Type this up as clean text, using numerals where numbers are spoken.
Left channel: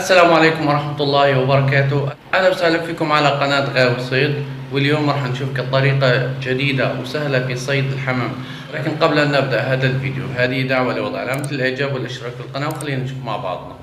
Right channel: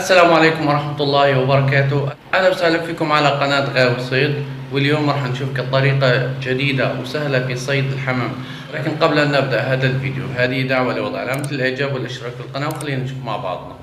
السلام عليكم ورحمة الله وبركاته. أهلا وسهلا فيكم على قناة غاوي صيد. واليوم راح نشوف طريقة جديدة وسهلة في صيد الحمام. لكن قبل أن نبدأ هذا الفيديو، هذه دعوة لوضع علامة الإعجاب والاشتراك في القناة، وخلينا نشوف مع بعضنا.